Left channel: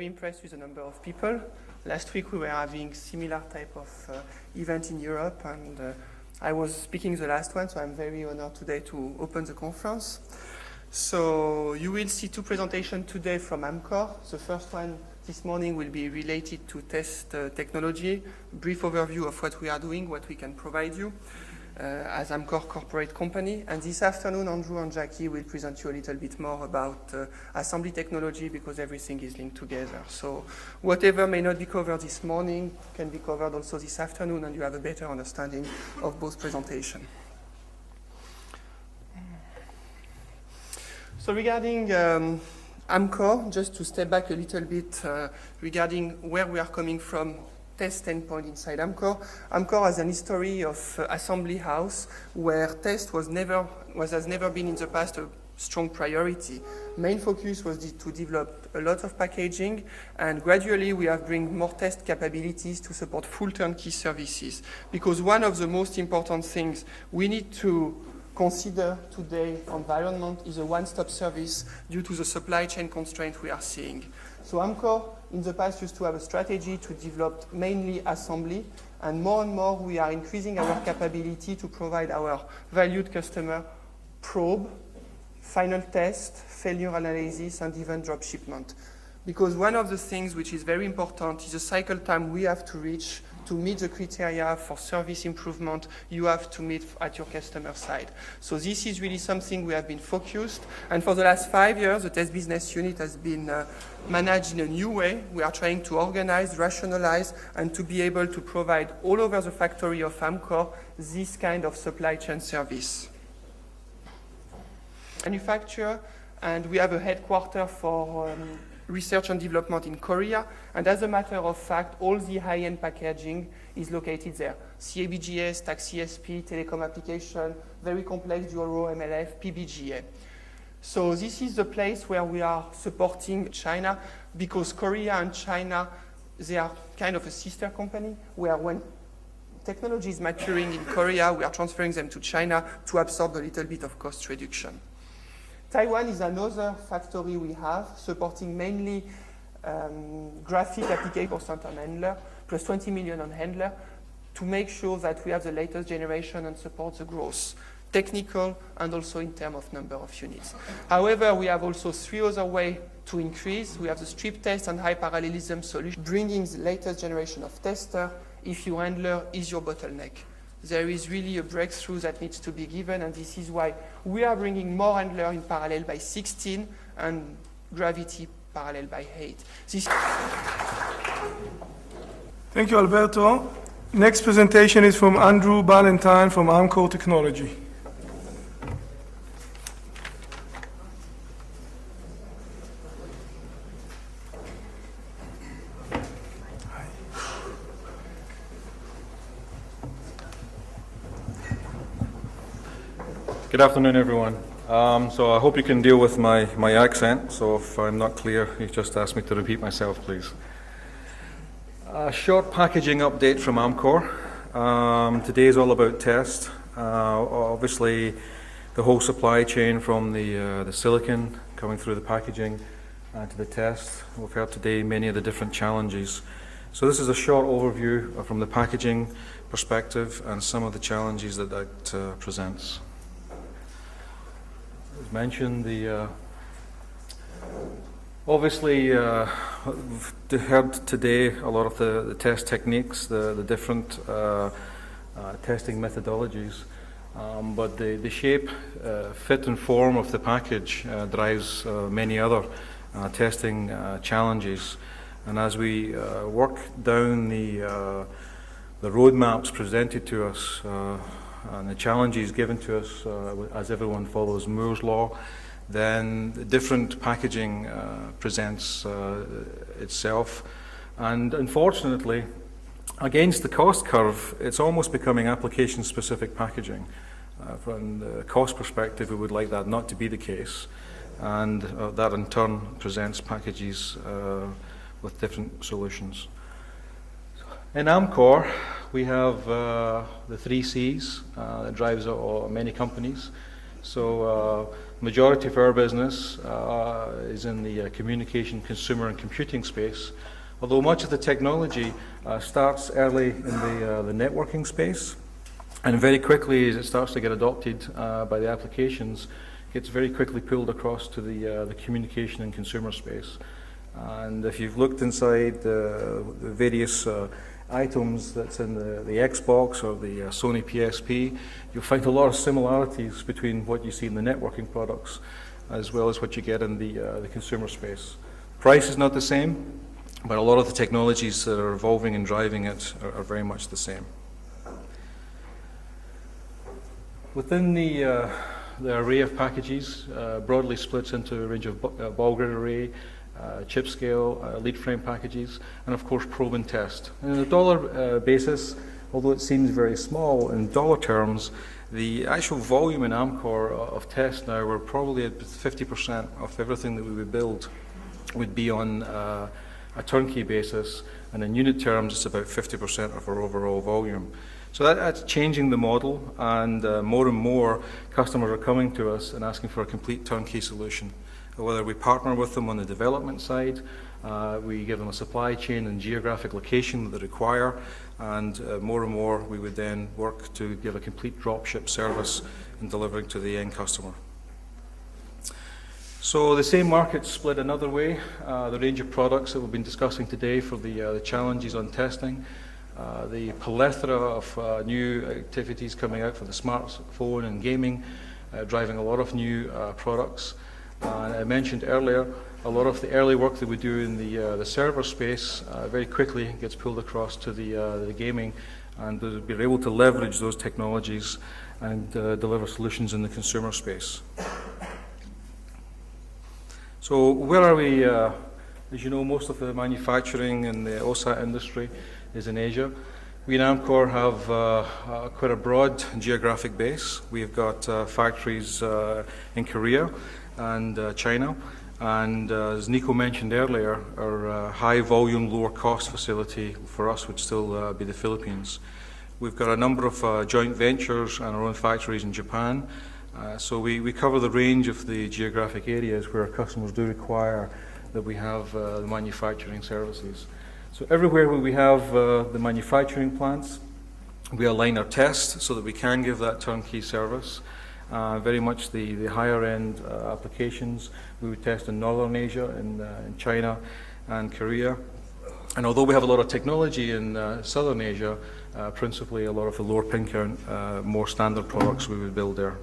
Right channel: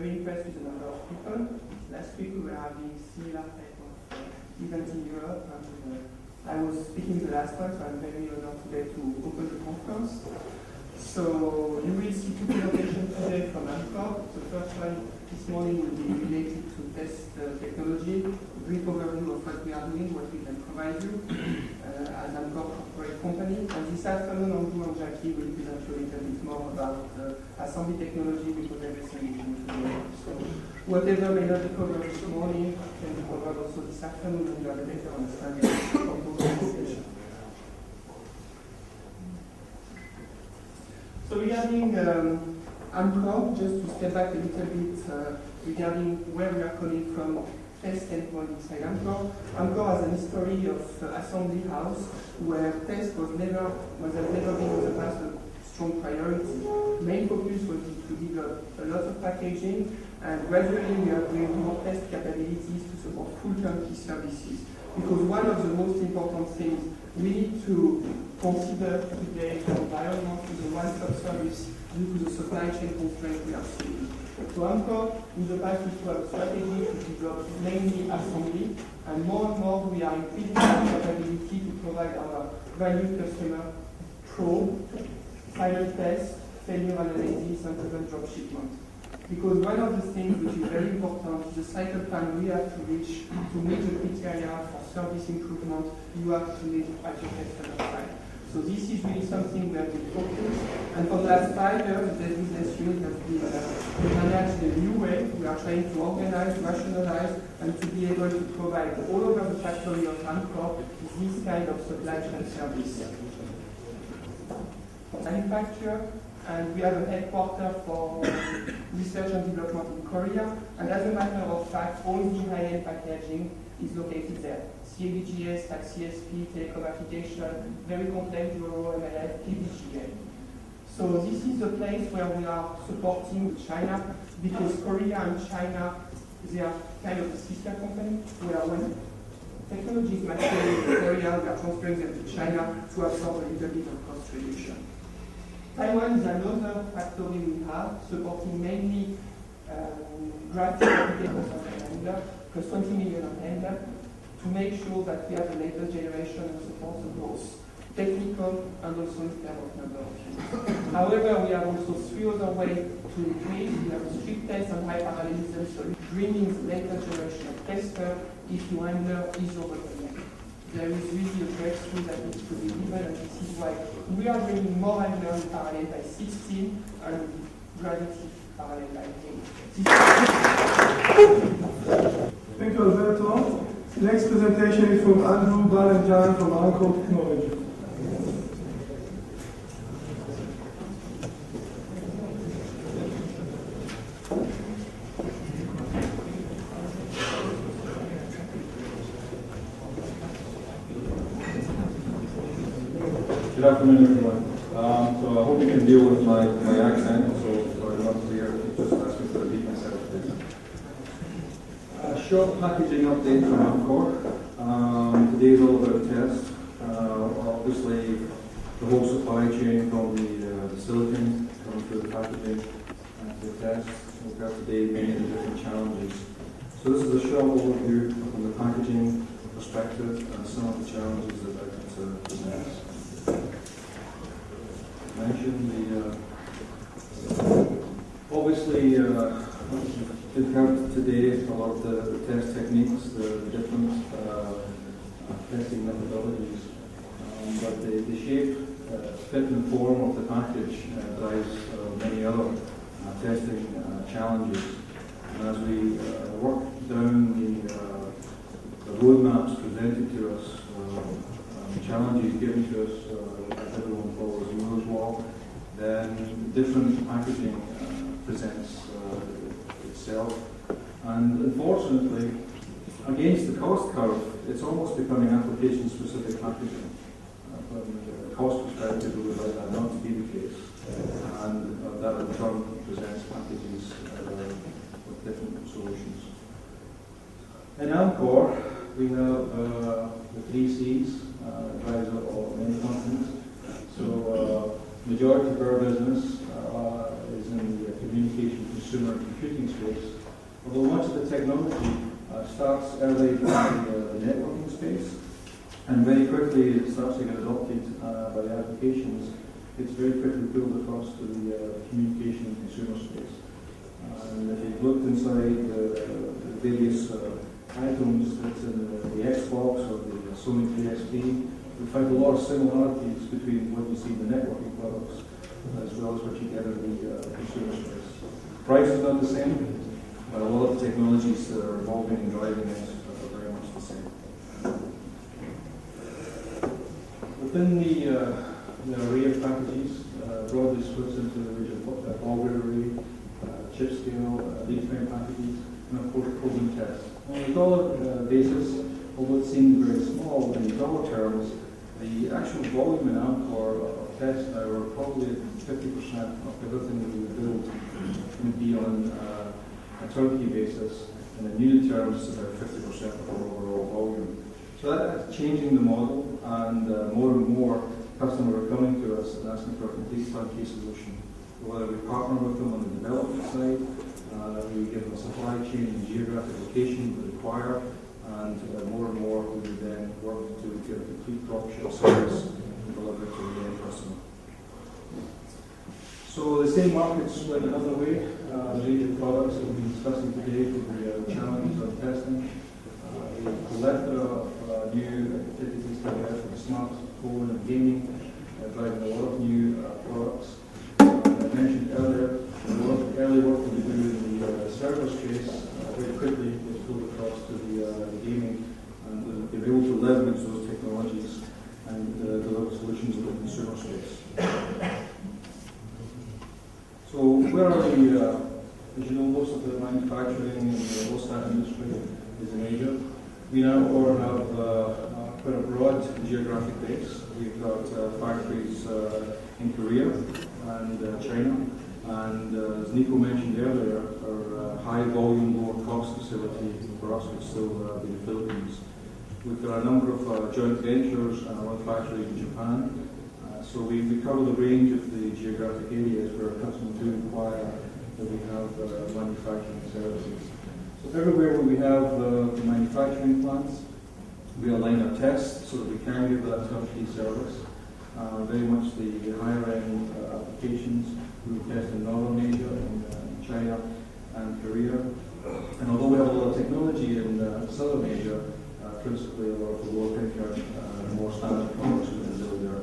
very impressed with the number of people. Last week we were having similar type of event in Europe, and I was speaking the last one, so I'm very honored today to open the conference. So you will see two presentations today from Amcor. The first one this morning will be related to test technology, brief overview of what we are doing, what we can provide you as Amcor corporate company. And this afternoon, Andrew and Jackie will present you a little bit more about assembly technology, because everything is linked together. So whatever may not be covered this morning can be covered also this afternoon, and you have a better understanding of both presentations. So regarding Amcor, just to step back a little bit regarding where we are coming from, test standpoint inside Amcor. Amcor has an history of assembly house where test has never been in the past a strong priority. Main focus was to develop a lot of packaging, and gradually we have bring more test capabilities to support full turnkey services. Because one of the most important things we need to consider today for environment is a one-stop service due to the supply chain constraints we are seeing. So Amcor in the past used to have a strategy to develop mainly assembly, and more we are increasing our capability to provide our valued customer probe, final test, failure analysis, and even drop shipment. Because one of the things which is very important is the cycle time we have to reach to meet the criteria for service improvement you have to meet at your customer side. So this is really something we have been focused, and for the last 5 years the test business unit has been managed in a new way. We are trying to organize, rationalize, and to be able to provide all over the factory of Amcor this kind of supply chain service. Manufacture, and we have a headquarters for research and development in Korea, and as a matter of fact, all the high-end packaging is located there. CABGA, stack CSP, telecom application, very complex Euro, MLF, PBGA. So this is the place where we are supporting China, because Korea and China, they are kind of a sister company, where when technology is maturing in Korea, we are transferring them to China to absorb a little bit of cost reduction. Taiwan is another factory we have, supporting mainly graphic applications of an handler, plus 20 million on handler, to make sure that we have the latest generation and support the growth, technical and also in terms of number of units. However, we have also 3 other ways to increase. We have the strip test and high parallelism solution, bringing the latest generation of tester if your handler is your bottleneck. There is really a breakthrough that needs to be given, and this is why we are bringing more handler in parallel by 16 and gravity parallel by 8. Thank you, Alberto. Next presentation is from Andrew Ballantyne from Amcor Technology. Good afternoon, everyone. So I hope you can deal with my accent, so if I'm not clear, you just ask me to repeat myself, please. A short packaging update from Amcor. Today is all about test. Obviously, the whole supply chain from the silicon coming through the packaging to the test. We've heard today many of the different challenges. So this is a short overview from the packaging perspective and some of the challenges that presents. Mentioned obviously we've heard today a lot of the test techniques, the different testing methodologies, but the shape, fit and form of the package drives many other testing challenges. And as we work down the roadmaps presented to us and the challenges given to us as everyone follows Moore's law, then different packaging presents itself. And unfortunately, against the cost curve, it's almost becoming application-specific packaging. From the cost perspective, we would like that not to be the case, and that in turn presents packages with different solutions. In Amcor, we have the 3 C's that drives many companies. So Majority of our business is in the communication, consumer and computing space, although much of the technology starts early in the networking space, and very quickly as it starts to get adopted by the applications, gets very quickly pulled across to the communication and consumer space. And if you've looked inside the various items that's in the Xbox or the Sony PSP, you'll find a lot of similarities between what you see in the networking products as well as what you get in the consumer space. Price is not the same, but a lot of the technologies that are evolving and driving it are very much the same. Within the array of packages, broadly splits into a range of ball grid array, chip scale, lead frame packages, and of course probe and test. And on a dollar basis, although it seems very small in dollar terms, the actual volume in Amcor of test now, we're probably at 50% of everything that we would build would be on a turnkey basis, and in unit terms it's about 50% of our overall volume. So that's changing the model, and more customers are coming to us and asking for a complete turnkey solution. Whether we partner with them on the development side, we give them a supply chain and geographic location that they require, and more we would then work to give a complete dropship service and delivering to the end customer. So the same market split another way. The range of products that we've been discussing today for the challenges on testing, the plethora of new activities coming out for the smartphone and gaming, driving a lot of new products. I mentioned earlier, a lot of the early work that we do in the server space very quickly gets pulled across to the gaming, and we're able to leverage those technologies and deliver solutions in the consumer space. So where are we? As you know, most of the manufacturing in the OSAT industry is in Asia. We in Amcor have quite a broad geographic base. We've got factories in Korea and China, and as Nico mentioned earlier, our high volume, lower cost facility for us would still be the Philippines. We've got a number of joint ventures and our own factories in Japan, so we cover the range of the geographic areas where our customers do require that we have the manufacturing services. So everywhere where we have the manufacturing plants, we align our tests so that we can give that turnkey service. Very much the higher end applications we would test in Northern Asia, in China and Korea. And although we have a lot of technology in Southern Asia, principally a lot of the lower pin count, more standard products we would build there.